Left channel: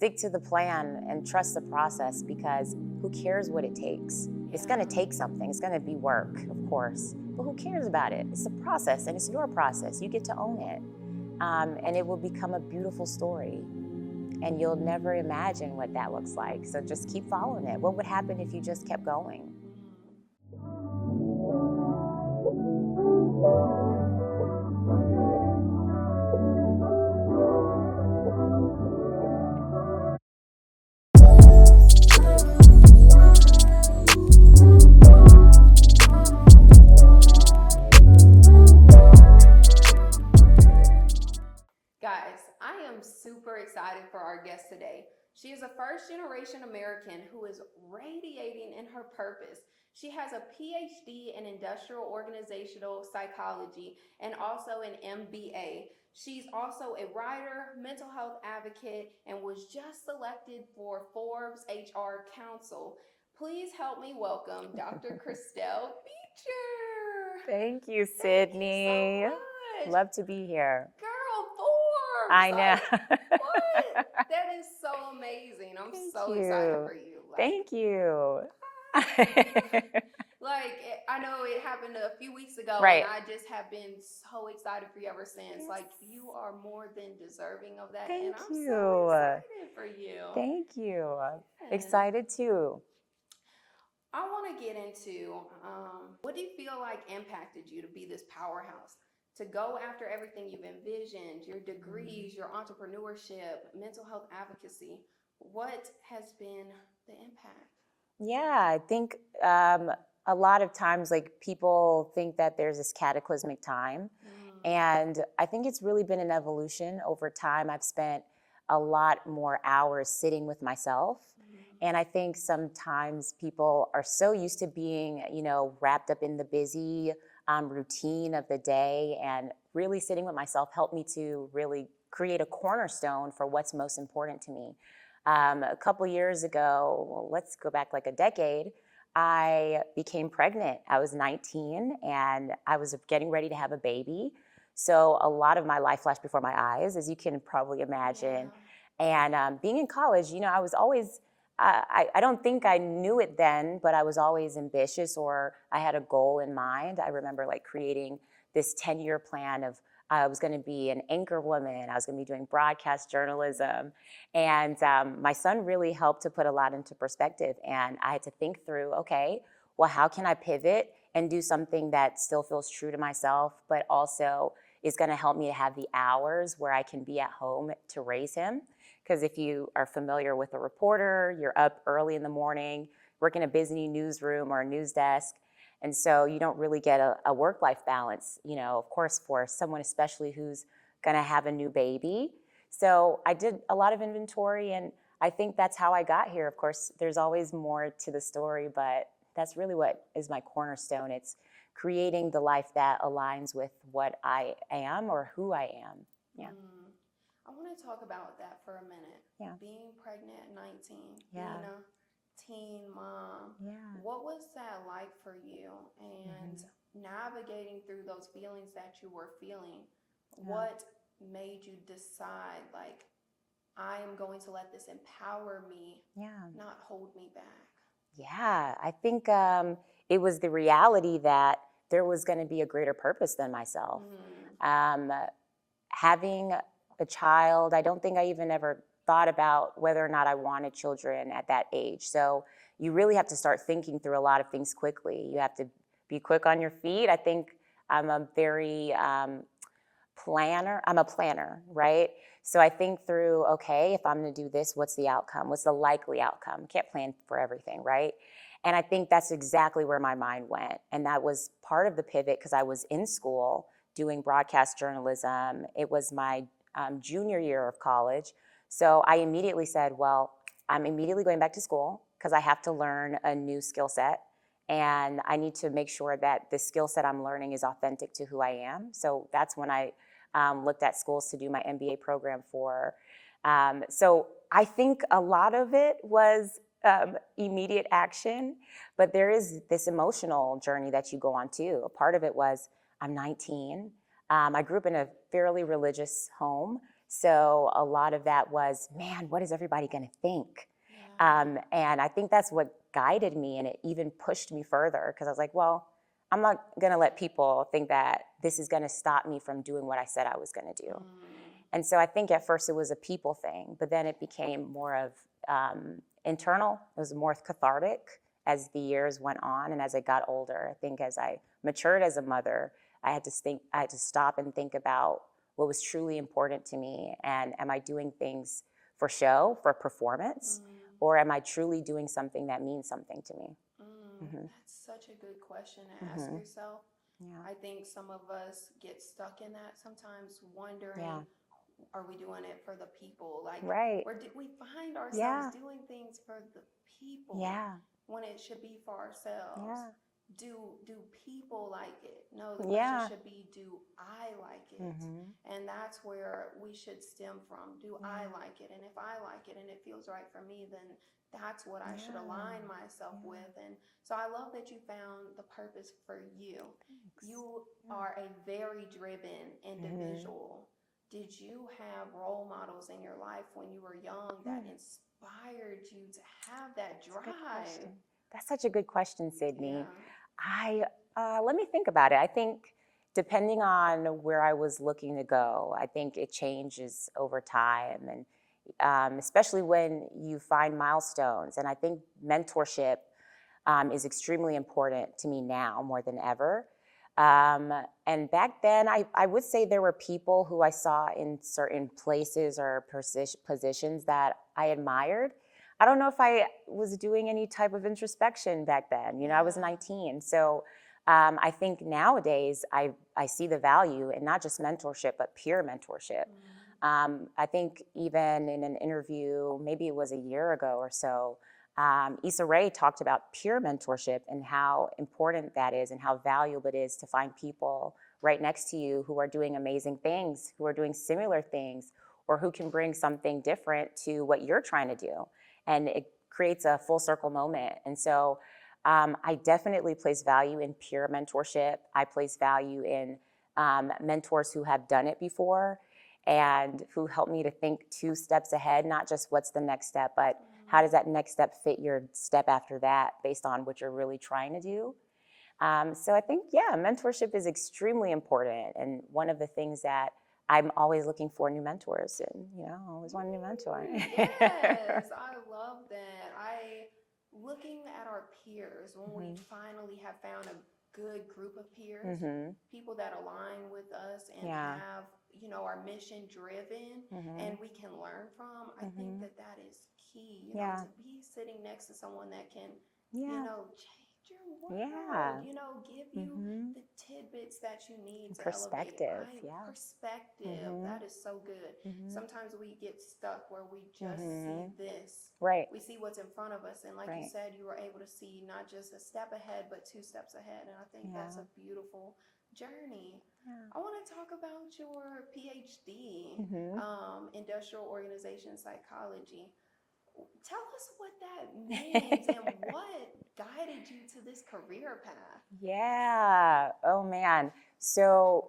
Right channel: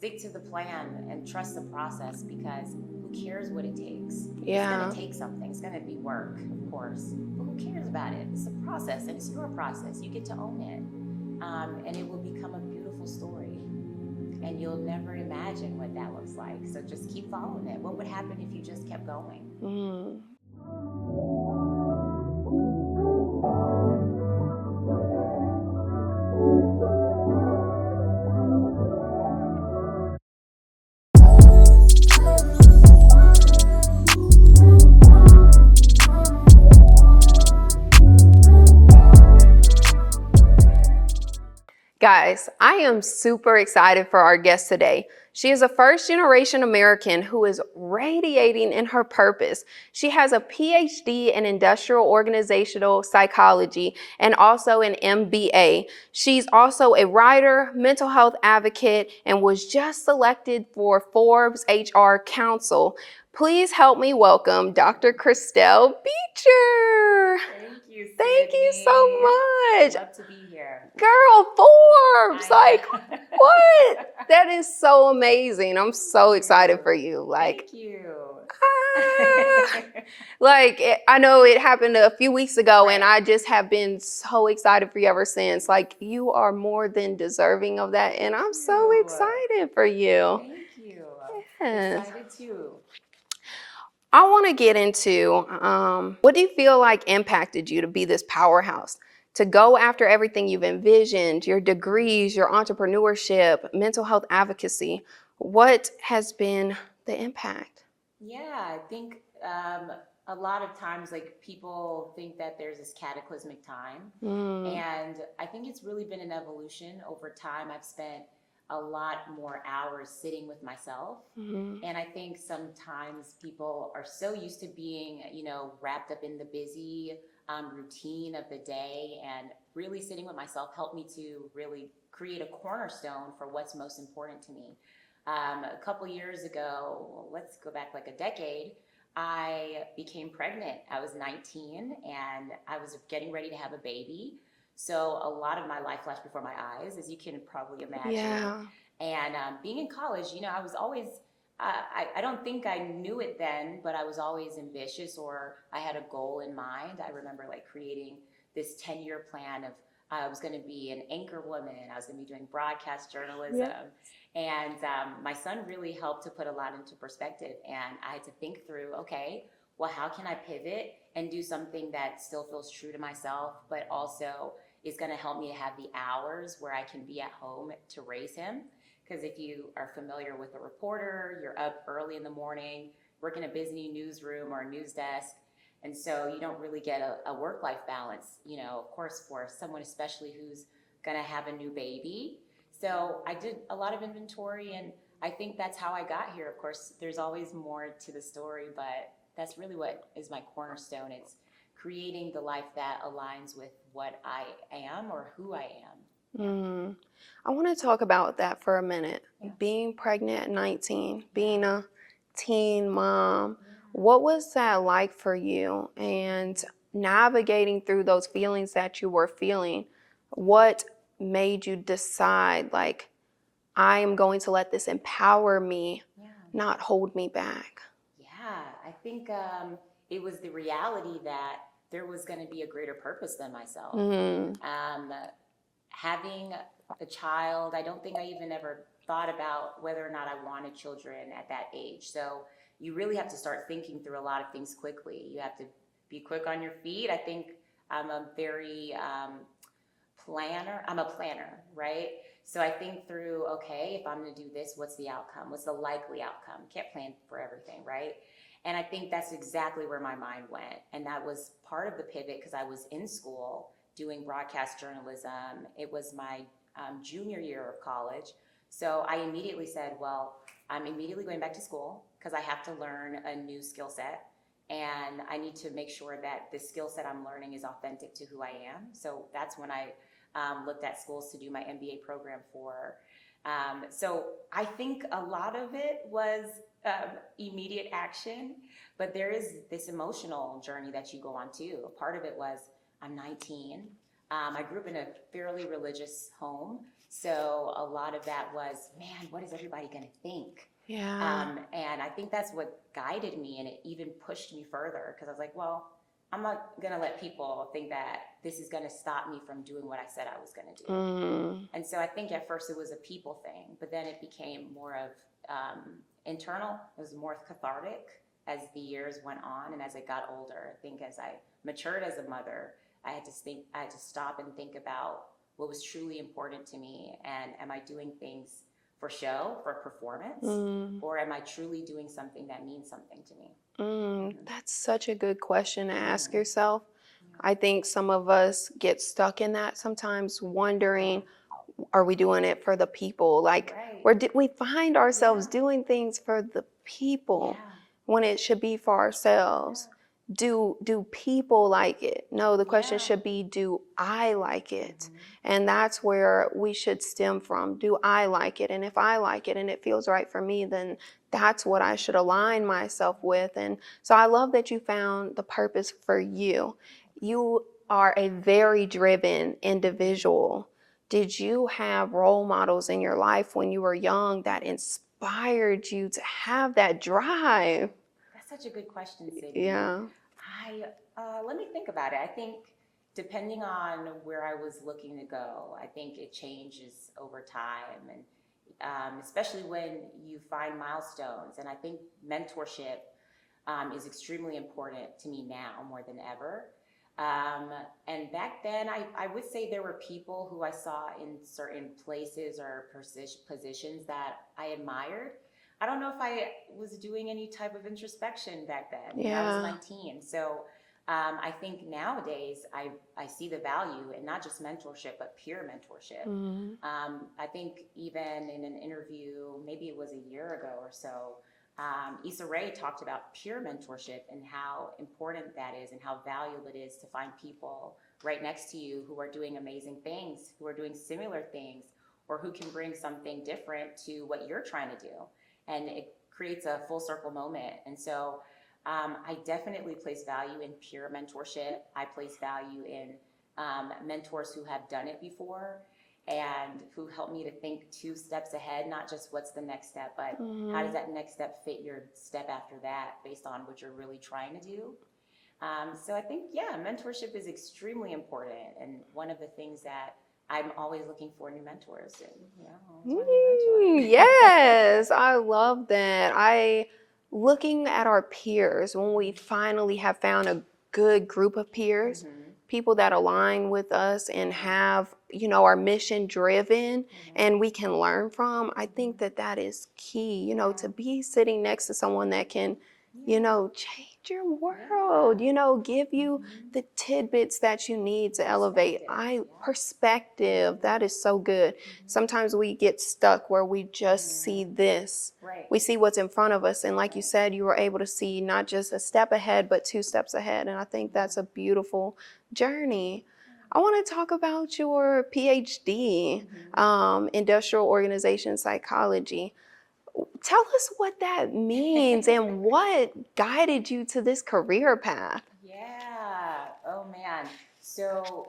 stick to the plan and trust the process, because who cares what it takes? Yeah. It's going to take something. It's going to be work, of course, but who cares about it? It's a process, and it's your process. You get to own it, and it will become a beautiful story, and you'll never imagine what that looks like. So just keep following it. What would happen if you just kept going? Guys, I am super excited for our guest today. She is a first-generation American who is radiating in her purpose. She has a PhD in industrial organizational psychology and also an MBA. She's also a writer, mental health advocate, and was just selected for Forbes HR Council. Please help me welcome Dr. Kristelle Beecher. Thank you, Sydney. Thank you so much. Love to be here. Girl, Forbes! I know. What? That is so amazing. I'm so excited for you. Thank you. I know it happened a few weeks ago, Right. and I just have been so excited for you ever since. Like, you are more than deserving of that, and I'm so excited for you. Thank you. Yes. Excited too. I want to get into what do you feel like impacted you to be this powerhouse? To go after everything you've envisioned, your degrees, your entrepreneurship, mental health advocacy. What has been the impact? Yeah, I think a lot of times, like, people think that there's this cataclysmic time. And I think it's really been an evolution over time. I've spent a lot more hours sitting with myself. And I think sometimes people are so used to being, wrapped up in the busy routine of the day, and really sitting with myself helped me to really create a cornerstone for what's most important to me. A couple years ago, well, let's go back like a decade, I became pregnant. I was 19 and I was getting ready to have a baby. So a lot of my life flashed before my eyes, as you can probably imagine. Yeah. And being in college, I was always, I don't think I knew it then, but I was always ambitious, or I had a goal in mind. I remember like creating this 10-year plan of, I was going to be an anchor woman. I was going to be doing broadcast journalism. And my son really helped to put a lot into perspective. And I had to think through, okay, well, how can I pivot and do something that still feels true to myself, but also is going to help me to have the hours where I can be at home to raise him? Because if you are familiar with a reporter, you're up early in the morning, working a busy newsroom or a news desk. And so you don't really get a work-life balance, of course, for someone especially who's going to have a new baby. So I did a lot of inventory, and I think that's how I got here. Of course, there's always more to the story, but that's really what is my cornerstone. It's creating the life that aligns with what I am or who I am. Yeah. I want to talk about that for a minute. Yeah. Being pregnant at 19, being a teen mom, Yeah. what was that like for you? And navigating through those feelings that you were feeling, what made you decide, like, I am going to let this empower me, not hold me back? Yeah, I think it was the reality that there was going to be a greater purpose than myself. Having a child, I don't think I even ever thought about whether or not I wanted children at that age. So you really have to start thinking through a lot of things quickly. You have to be quick on your feet. I think I'm a very planner, right? So I think through, okay, if I'm going to do this, what's the outcome? What's the likely outcome? Can't plan for everything, right? And I think that's exactly where my mind went. And that was part of the pivot, because I was in school doing broadcast journalism. It was my junior year of college. So I immediately said, well, I'm immediately going back to school because I have to learn a new skill set. And I need to make sure that the skill set I'm learning is authentic to who I am. So that's when I looked at schools to do my MBA program for. So I think a lot of it was immediate action, but there is this emotional journey that you go on too. A part of it was, I'm 19. I grew up in a fairly religious home. So a lot of that was, man, what is everybody going to think? Yeah. And I think that's what guided me, and it even pushed me further, because I was like, well, I'm not going to let people think that this is going to stop me from doing what I said I was going to do. And so I think at first it was a people thing, but then it became more of internal. It was more cathartic as the years went on, and as I got older. I think as I matured as a mother, I had to stop and think about what was truly important to me, and am I doing things for show, for performance, or am I truly doing something that means something to me? That's such a good question to ask yourself. Yeah. I think some of us get stuck in that sometimes, wondering, Yeah. are we doing it for the people? Like, Right. or did we find ourselves Yeah. doing things for the people Yeah. when it should be for ourselves? Yeah. Do people like it? No, the question Yeah. should be, do I like it? Mhm. And that's where we should stem from. Do I like it? And if I like it and it feels right for me, then that's what I should align myself with. And so I love that you found the purpose for you. You are a very driven individual. Did you have role models in your life when you were young that inspired you to have that drive? That's such a good question, Sydney. Yeah. Let me think about it. I think depending on where I was looking to go, I think it changes over time, and especially when you find milestones. And I think mentorship is extremely important to me now more than ever. And back then, I would say there were people who I saw in certain places or positions that I admired. I don't know if I was doing any type of introspection back then. You know, I was 19. So I think nowadays I see the value in not just mentorship, but peer mentorship. I think even in an interview, maybe it was a year ago or so, Issa Rae talked about peer mentorship and how important that is and how valuable it is to find people right next to you who are doing amazing things, who are doing similar things, or who can bring something different to what you're trying to do. And it creates a full circle moment. And so I definitely place value in peer mentorship. I place value in mentors who have done it before and who help me to think 2 steps ahead, not just what's the next step, but how does that next step fit your step after that based on what you're really trying to do. So I think, yeah, mentorship is extremely important. And one of the things that I'm always looking for new mentors, and always want a new mentor. Yes, I love that. Looking at our peers, when we finally have found a good group of peers, people that align with us and have, our mission driven and we can learn from, I think that is key, to be sitting next to someone that can, change your world, give you the tidbits that you need to elevate. Perspective, that is so good. Sometimes we get stuck where we just see this. Right. We see what's in front of us. And like you said, you were able to see not just a step ahead, but 2 steps ahead. And I think that's a beautiful journey. I want to talk about your PhD, Industrial Organization Psychology. Tell us what that means and what guided you to this career path. Yeah. Oh, man. So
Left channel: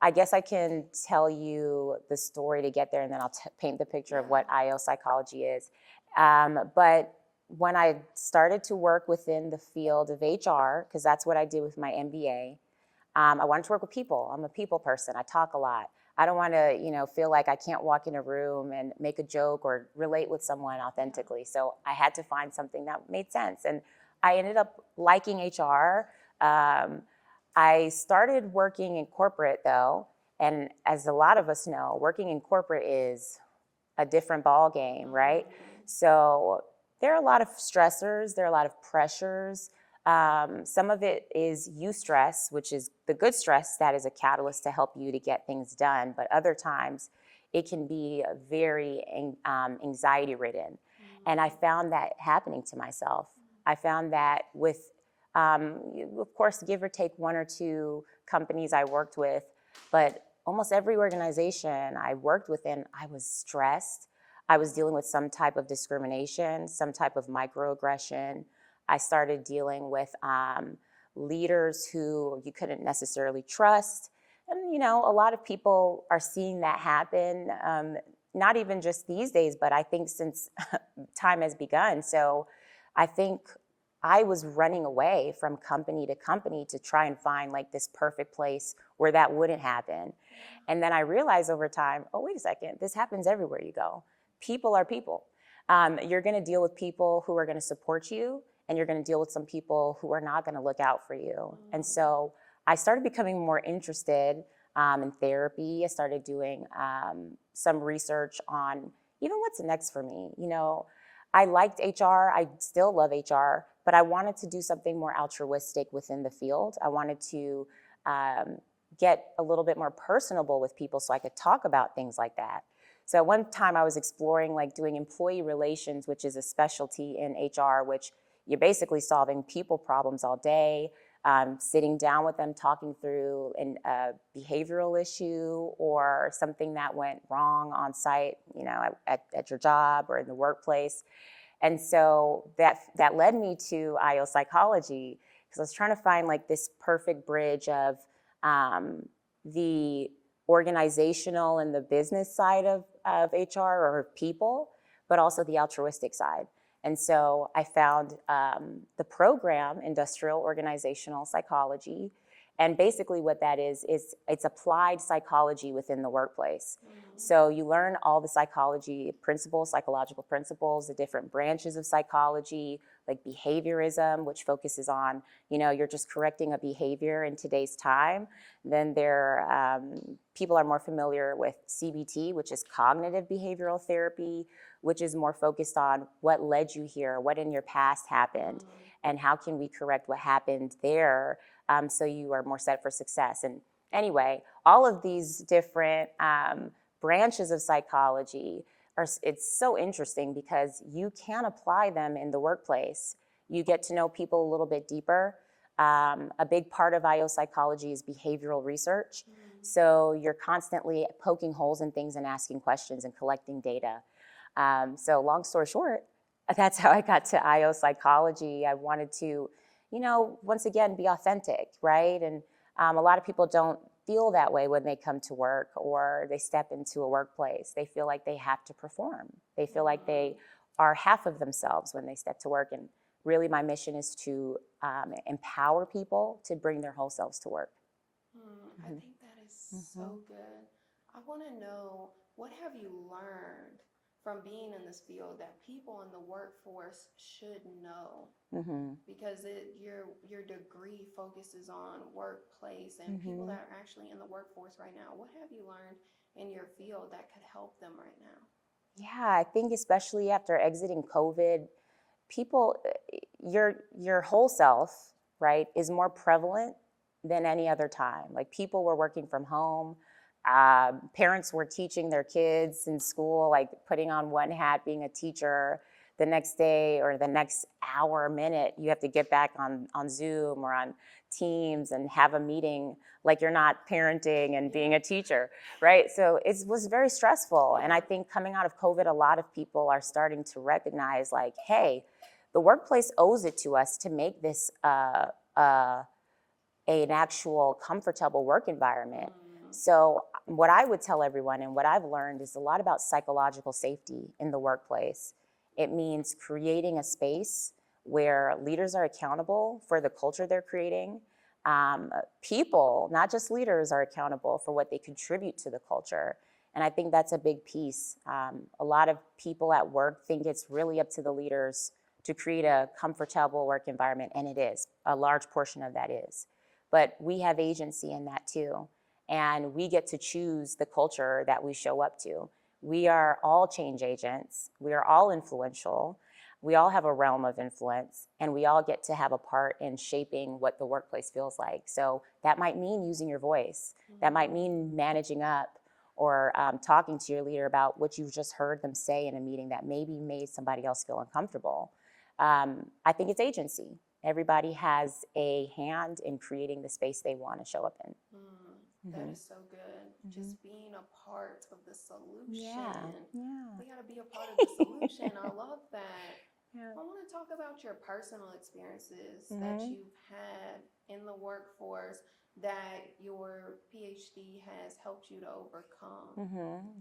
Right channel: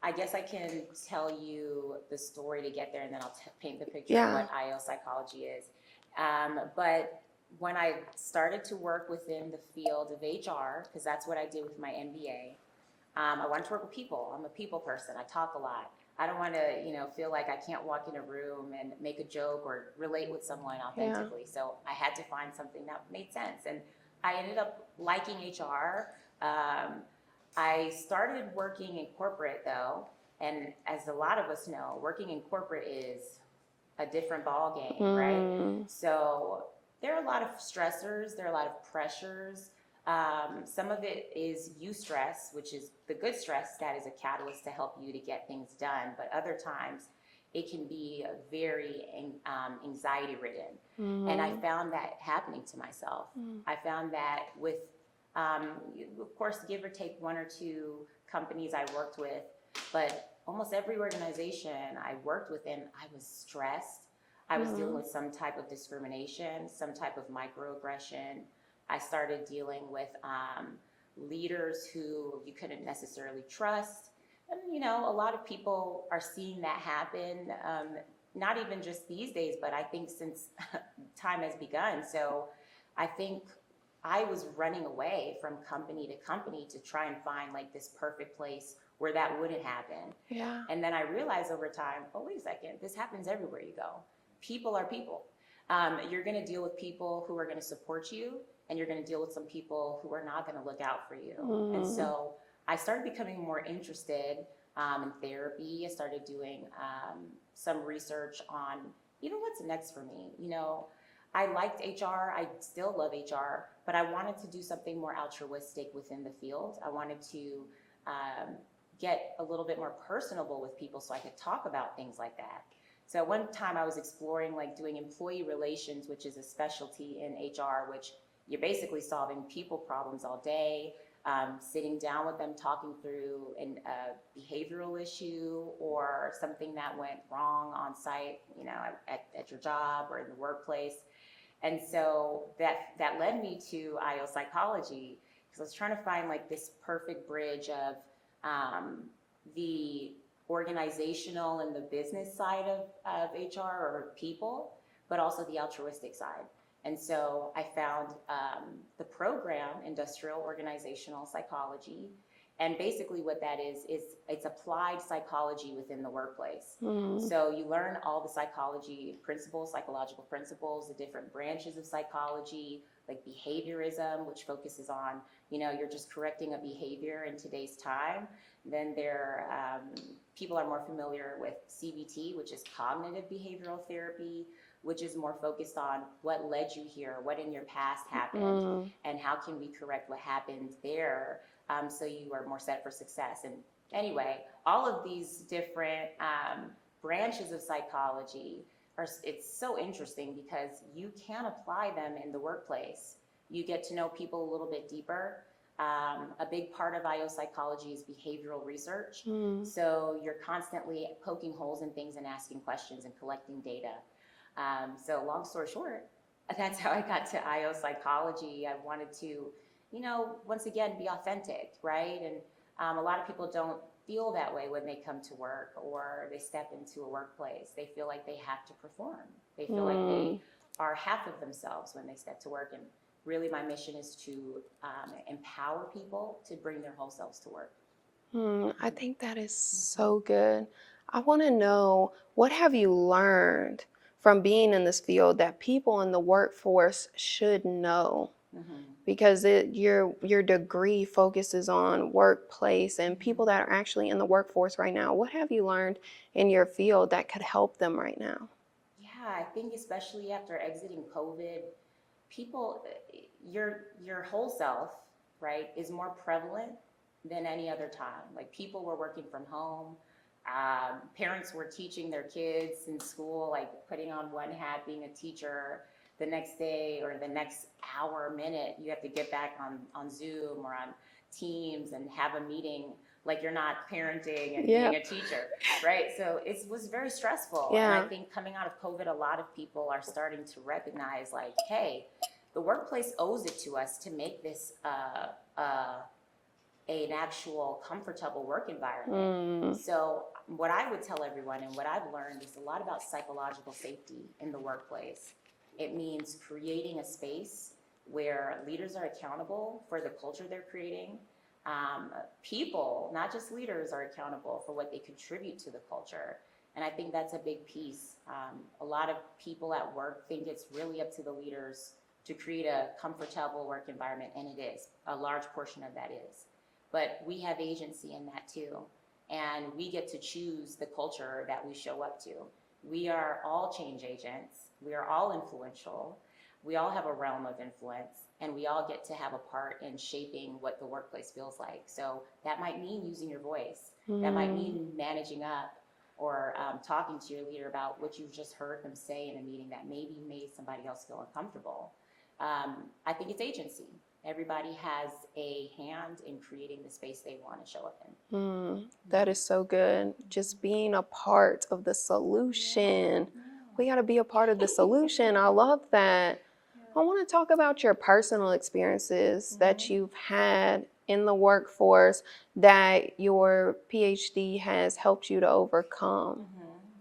I guess I can tell you the story to get there, and then I'll paint the picture of what IO psychology is. But when I started to work within the field of HR, because that's what I did with my MBA, I wanted to work with people. I'm a people person. I talk a lot. I don't want to, feel like I can't walk in a room and make a joke or relate with someone authentically. So I had to find something that made sense. And I ended up liking HR. I started working in corporate, though. And as a lot of us know, working in corporate is a different ball game, right? So there are a lot of stressors. There are a lot of pressures. Some of it is eustress, which is the good stress that is a catalyst to help you to get things done. But other times it can be very anxiety ridden. And I found that happening to myself. I found that with, of course, give or take 1 or 2 companies I worked with, but almost every organization I worked within, I was stressed. I was dealing with some type of discrimination, some type of microaggression. I started dealing with leaders who you couldn't necessarily trust. And, you know, a lot of people are seeing that happen, not even just these days, but I think since time has begun. So I think I was running away from company to company to try and find like this perfect place where that wouldn't happen. Yeah. And then I realized over time, oh, wait a second, this happens everywhere you go. People are people. You're going to deal with people who are going to support you, and you're going to deal with some people who are not going to look out for you. And so I started becoming more interested in therapy. I started doing some research on even what's next for me. You know, I liked HR. I still love HR, but I wanted to do something more altruistic within the field. I wanted to get a little bit more personable with people so I could talk about things like that. So one time I was exploring like doing employee relations, which is a specialty in HR, which you're basically solving people problems all day, sitting down with them, talking through a behavioral issue or something that went wrong on site, you know, at your job or in the workplace. And so that led me to IO psychology, because I was trying to find like this perfect bridge of the organizational and the business side of HR or people, but also the altruistic side. And so I found the program, Industrial Organizational Psychology. And basically what that is it's applied psychology within the workplace. So you learn all the psychology principles, psychological principles, the different branches of psychology, like behaviorism, which focuses on, you know, you're just correcting a behavior in today's time. Then people are more familiar with CBT, which is cognitive behavioral therapy, which is more focused on what led you here, what in your past happened, and how can we correct what happened there, so you are more set for success. And anyway, all of these different branches of psychology it's so interesting because you can apply them in the workplace. You get to know people a little bit deeper. A big part of IO psychology is behavioral research. So you're constantly poking holes in things and asking questions and collecting data. So long story short, that's how I got to IO psychology. I wanted to, you know, once again, be authentic, right? And a lot of people don't feel that way when they come to work or they step into a workplace. They feel like they have to perform. They feel like they are half of themselves when they step to work. And really my mission is to empower people to bring their whole selves to work. I think that is so good. I want to know, what have you learned from being in this field that people in the workforce should know? Because your degree focuses on workplace and people that are actually in the workforce right now. What have you learned in your field that could help them right now? Yeah, I think especially after exiting COVID, people, your whole self, right, is more prevalent than any other time. Like people were working from home. Parents were teaching their kids in school, like putting on one hat, being a teacher. The next day or the next hour, minute, you have to get back on Zoom or on Teams and have a meeting like you're not parenting and being a teacher, right? So it was very stressful. And I think coming out of COVID, a lot of people are starting to recognize like, hey, the workplace owes it to us to make this an actual comfortable work environment. So what I would tell everyone and what I've learned is a lot about psychological safety in the workplace. It means creating a space where leaders are accountable for the culture they're creating. People, not just leaders, are accountable for what they contribute to the culture. And I think that's a big piece. A lot of people at work think it's really up to the leaders to create a comfortable work environment, and it is. A large portion of that is. But we have agency in that too. And we get to choose the culture that we show up to. We are all change agents. We are all influential. We all have a realm of influence, and we all get to have a part in shaping what the workplace feels like. So that might mean using your voice. That might mean managing up or talking to your leader about what you've just heard them say in a meeting that maybe made somebody else feel uncomfortable. I think it's agency. Everybody has a hand in creating the space they want to show up in. That is so good. Just being a part of the solution. We got to be a part of the solution. I love that. I want to talk about your personal experiences that you've had in the workforce that your PhD has helped you to overcome?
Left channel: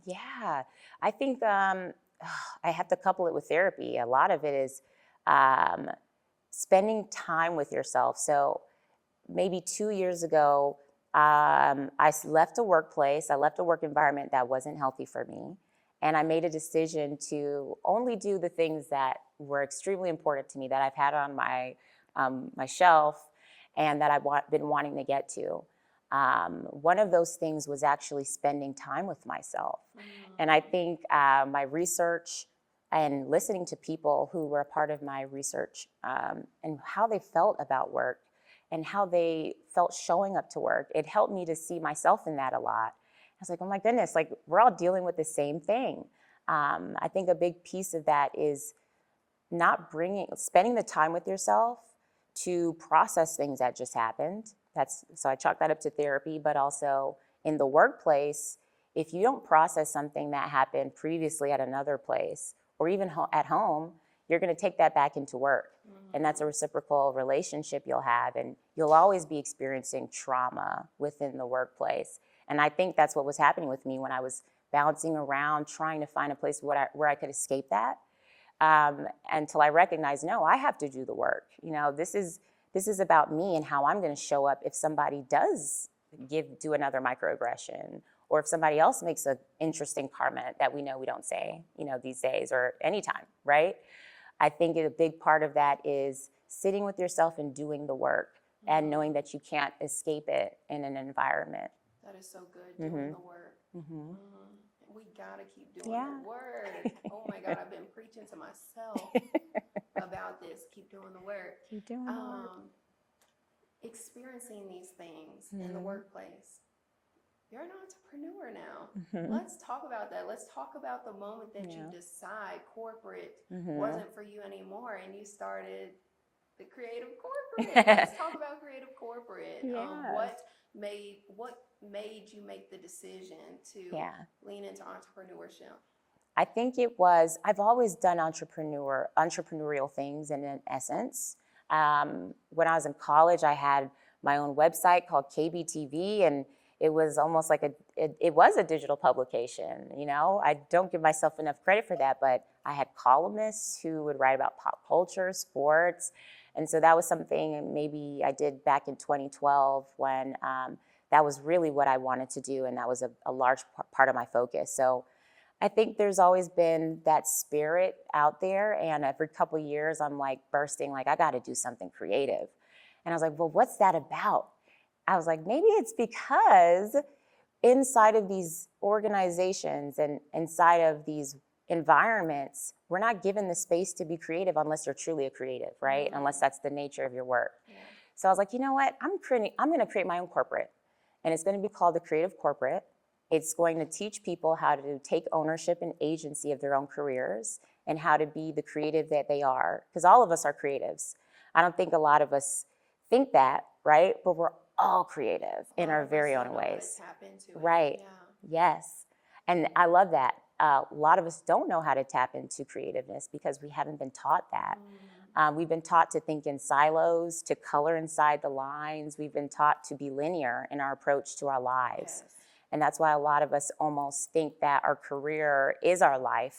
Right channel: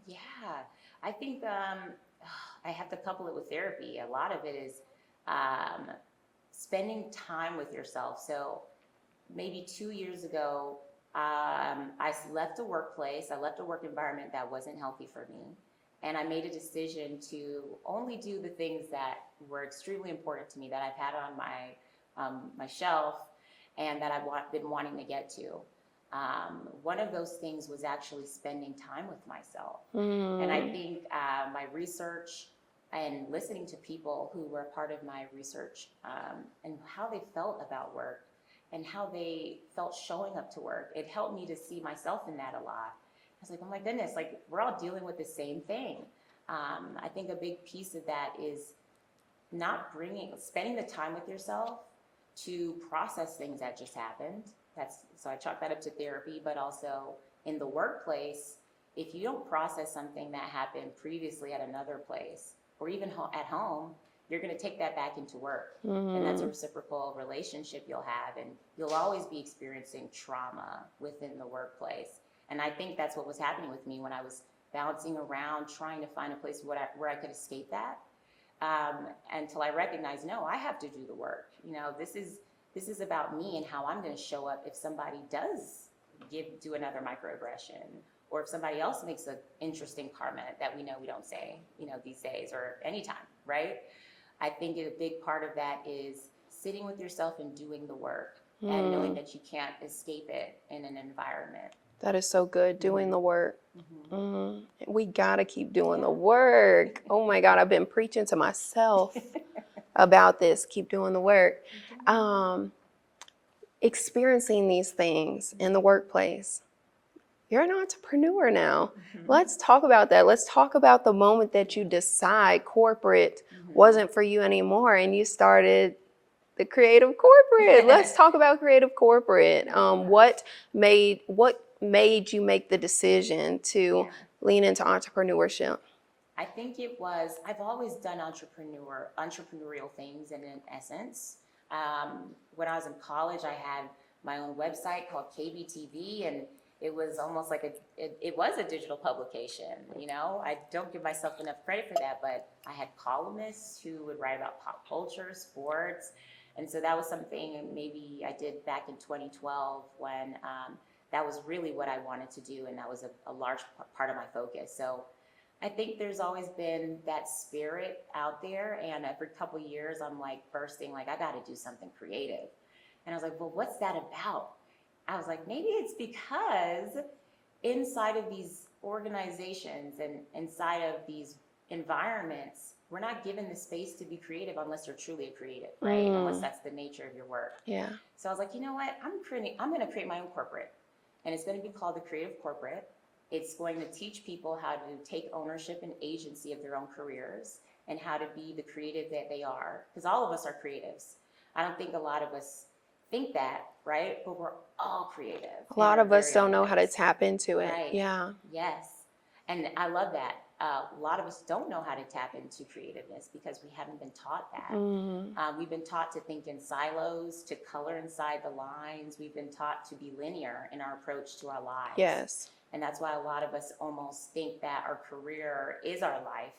Yeah, I think I have to couple it with therapy. A lot of it is um, spending time with yourself. So maybe 2 years ago, left a workplace, I left a work environment that wasn't healthy for me. And I made a decision to only do the things that were extremely important to me, that I've had on my shelf and that been wanting to get to. One of those things was actually spending time with myself. And I think my research and listening to people who were a part of my research and how they felt about work and how they felt showing up to work, it helped me to see myself in that a lot. I was like, oh my goodness, like we're all dealing with the same thing. I think a big piece of that is spending the time with yourself to process things that just happened. So I chalk that up to therapy, but also in the workplace, if you don't process something that happened previously at another place or even at home, you're going to take that back into work. And that's a reciprocal relationship you'll have. And you'll always be experiencing trauma within the workplace. And I think that's what was happening with me when I was bouncing around trying to find a place where I could escape that. Until I recognized, no, I have to do the work. This is about me and how I'm going to show up if somebody does do another microaggression, or if somebody else makes an interesting comment that we don't say, these days or anytime, right? I think a big part of that is sitting with yourself and doing the work and knowing that you can't escape it in an environment. That is so good, doing the work. We gotta keep doing the work. Oh my God, I've been preaching to myself about this. Keep doing the work. Experiencing these things in the workplace. You're an entrepreneur now. Let's talk about that. Let's talk about the moment that you decide corporate wasn't for you anymore and you started the creative corporate. Let's talk about creative corporate. What made you make the decision to lean into entrepreneurship? I think I've always done entrepreneurial things in essence. When I was in college, I had my own website called KBTV, and it was almost like it was a digital publication. I don't give myself enough credit for that, but I had columnists who would write about pop culture, sports. And so that was something maybe I did back in 2012 when that was really what I wanted to do. And that was a large part of my focus. So I think there's always been that spirit out there. And every couple of years, I'm like bursting, like, I got to do something creative. And I was like, well, what's that about? I was like, maybe it's because inside of these organizations and inside of these environments, we're not given the space to be creative unless you're truly a creative, right? Unless that's the nature of your work. Yeah. So I was like, you know what? I'm going to create my own corporate, and it's going to be called the Creative Corporate. It's going to teach people how to take ownership and agency of their own careers and how to be the creative that they are, because all of us are creatives. I don't think a lot of us think that, right? But we're all creative. A lot of us don't know how to tap into it. Right. Yeah. Yes. And I love that. A lot of us don't know how to tap into creativeness because we haven't been taught that. We've been taught to think in silos, to color inside the lines. We've been taught to be linear in our approach to our lives. Yes. And that's why a lot of us almost think that our career is our life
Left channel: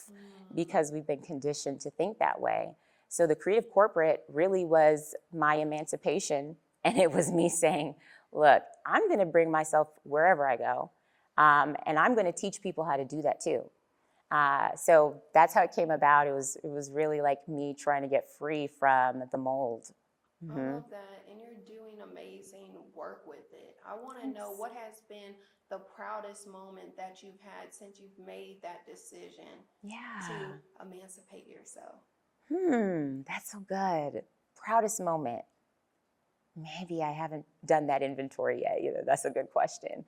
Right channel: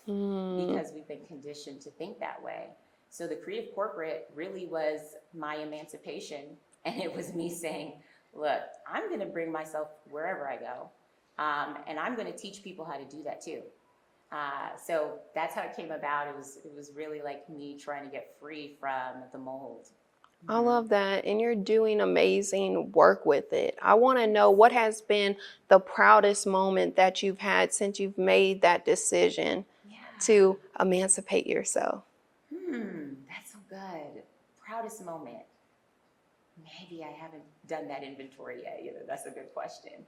because we've been conditioned to think that way. So the Creative Corporate really was my emancipation. And it was me saying, look, I'm going to bring myself wherever I go. And I'm going to teach people how to do that too. So that's how it came about. It was really like me trying to get free from the mold. I love that. And you're doing amazing work with it. I want to know, what has been the proudest moment that you've had since you've made that decision to emancipate yourself? That's so good. Proudest moment. Maybe I haven't done that inventory yet either. That's a good question.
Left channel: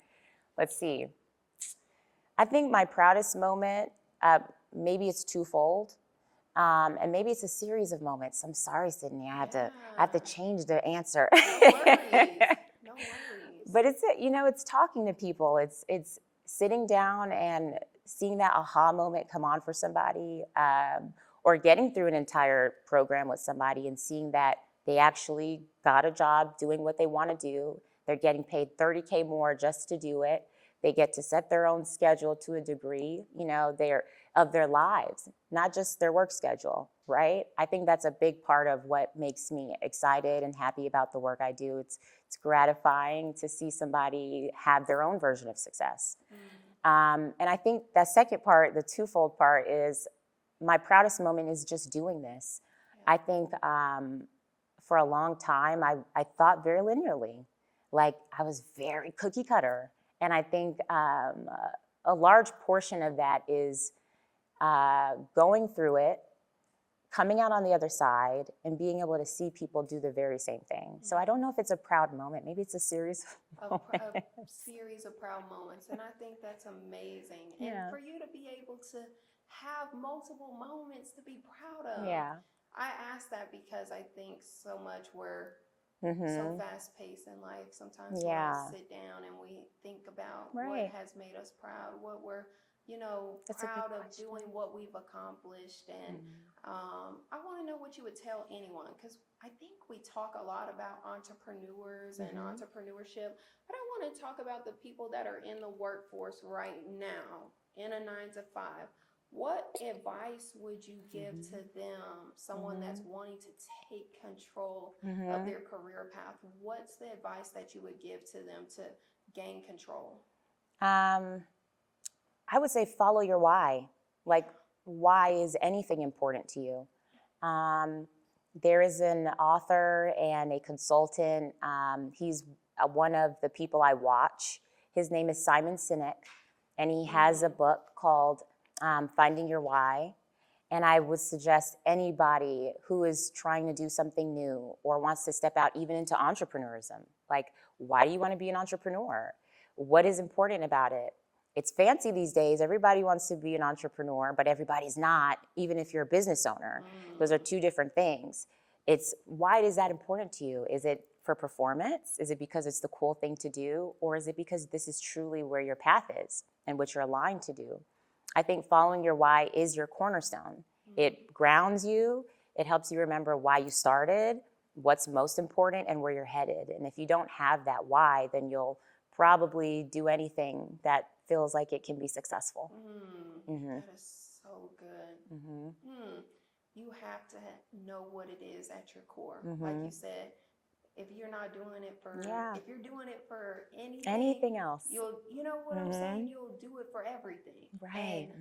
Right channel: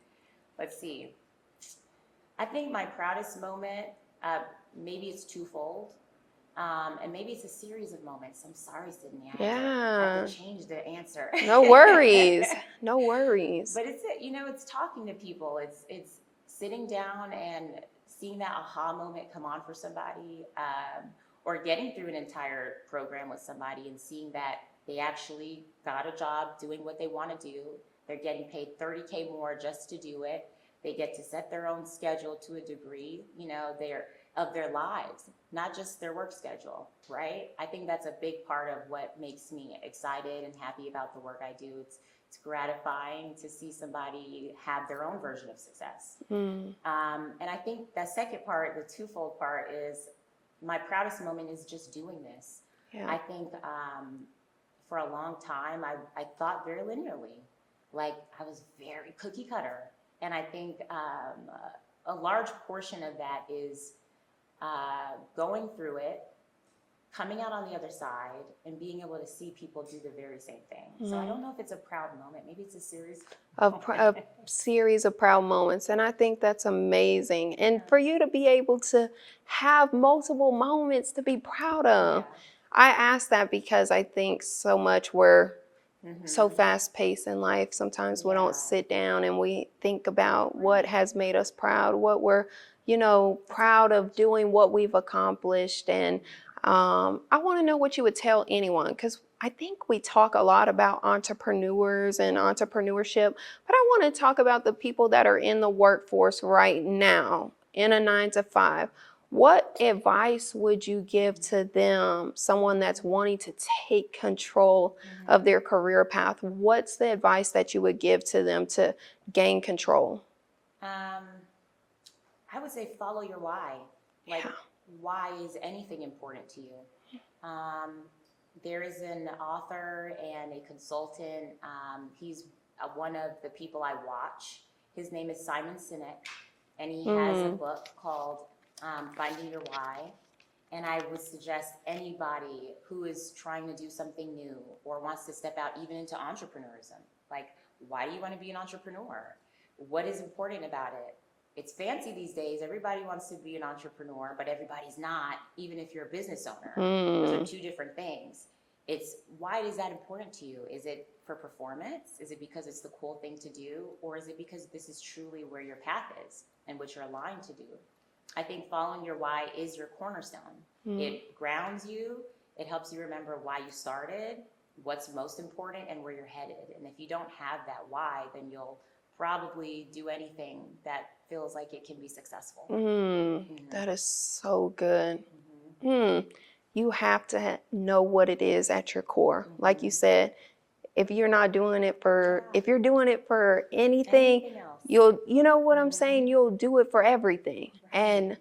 Let's see. I think my proudest moment, maybe it's twofold. And maybe it's a series of moments. I'm sorry, Sydney. I have to change the answer. No worries. No worries. But it's talking to people. It's sitting down and seeing that aha moment come on for somebody, or getting through an entire program with somebody and seeing that They actually got a job doing what they want to do. They're getting paid $30K more just to do it. They get to set their own schedule to a degree, they're of their lives, not just their work schedule, right? I think that's a big part of what makes me excited and happy about the work I do. It's gratifying to see somebody have their own version of success. And I think that second part, the twofold part, is my proudest moment is just doing this. Yeah. I think for a long time, I thought very linearly. Like, I was very cookie cutter. And I think a large portion of that is going through it, coming out on the other side, and being able to see people do the very same thing. So I don't know if it's a proud moment. Maybe it's a series of a series of proud moments. And I think that's amazing. And for you to be able to have multiple moments to be proud of. I ask that because I think so much we're so fast-paced in life. Sometimes we don't sit down and we think about what has made us proud, what we're, proud of doing, what we've accomplished. And I want to know what you would tell anyone, because I think we talk a lot about entrepreneurs and entrepreneurship, but I want to talk about the people that are in the workforce right now in a 9-to-5. What advice would you give to them, someone that's wanting to take control of their career path? What's the advice that you would give to them to gain control? I would say follow your why. Like, why is anything important to you? There is an author and a consultant. He's one of the people I watch. His name is Simon Sinek, and he has a book called Finding Your Why. And I would suggest anybody who is trying to do something new or wants to step out even into entrepreneurism, like, why do you want to be an entrepreneur? What is important about it? It's fancy these days. Everybody wants to be an entrepreneur, but everybody's not, even if you're a business owner. Those are two different things. It's, why is that important to you? Is it for performance? Is it because it's the cool thing to do? Or is it because this is truly where your path is and what you're aligned to do? I think following your why is your cornerstone. It grounds you. It helps you remember why you started, what's most important, and where you're headed. And if you don't have that why, then you'll probably do anything that feels like it can be successful. That is so good. You have to know what it is at your core. Like you said, if you're not doing it for, if you're doing it for anything else, you'll, you know what I'm saying? You'll do it for everything. And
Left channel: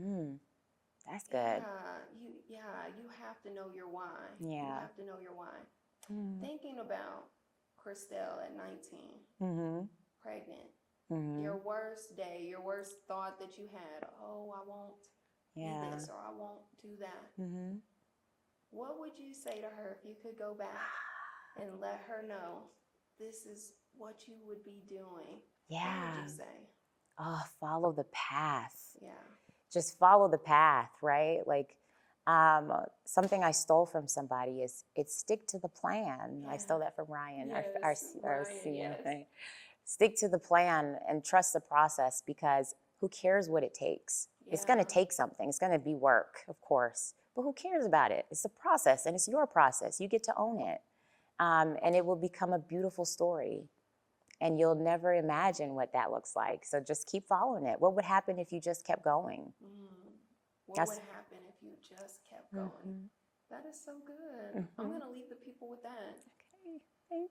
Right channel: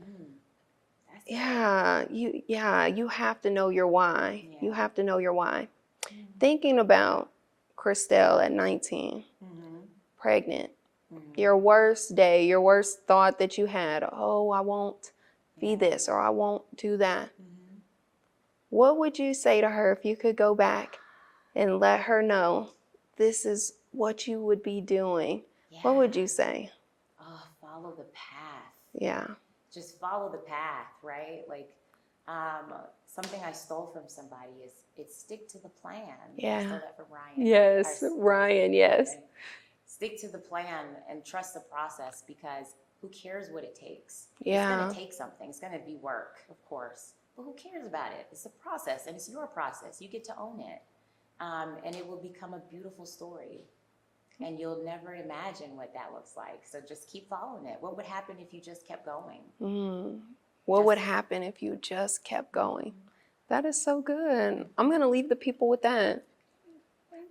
that's you have to know your why. You have to know your why. Thinking about Kristelle at 19, pregnant, your worst day, your worst thought that you had, oh, I won't be this, or I won't do that. What would you say to her if you could go back and let her know this is what you would be doing? What would you say? Oh, follow the path. Yeah. Just follow the path, right? Like, something I stole from somebody is, it's stick to the plan. I stole that from Ryan. Yes, Ryan, yes. Stick to the plan and trust the process, because who cares what it takes? It's going to take something. It's going to be work, of course. But who cares about it? It's a process, and it's your process. You get to own it. And it will become a beautiful story. And you'll never imagine what that looks like. So just keep following it. What would happen if you just kept going? What would happen if you just kept going? That is so good. I'm going to leave the people with that.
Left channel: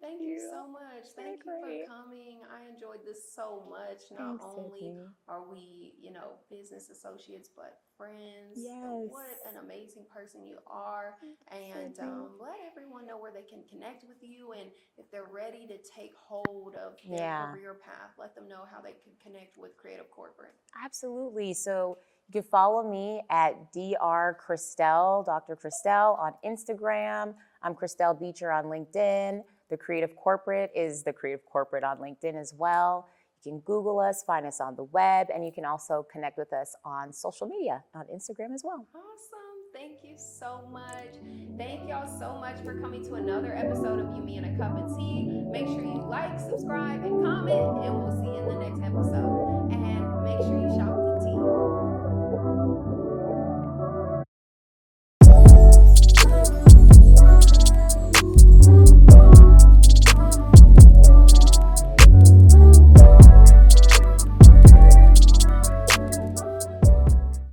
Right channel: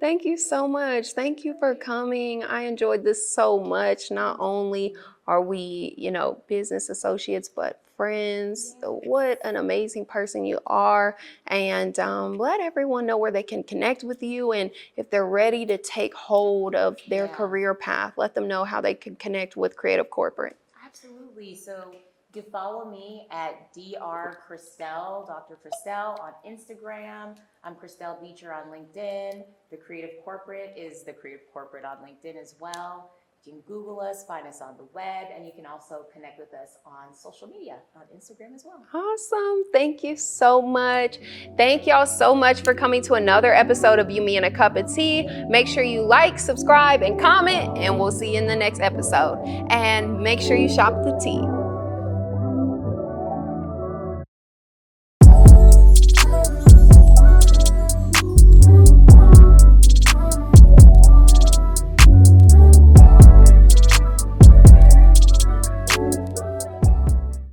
Thank you so much. Thank you for coming. I enjoyed this so much. Not only are we, business associates, but friends. What an amazing person you are. And let everyone know where they can connect with you. And if they're ready to take hold of their career path, let them know how they can connect with Creative Corporate. Absolutely. So you can follow me at Dr. Kristelle on Instagram. I'm Kristelle Beecher on LinkedIn. The Creative Corporate is the Creative Corporate on LinkedIn as well. You can Google us, find us on the web, and you can also connect with us on social media, on Instagram as well. Awesome. Thank you so much. Thank y'all so much for coming to another episode of You, Me, and a Cup of Tea. Make sure you like, subscribe, and comment, and we'll see you in the next episode. And make sure you shop the tea.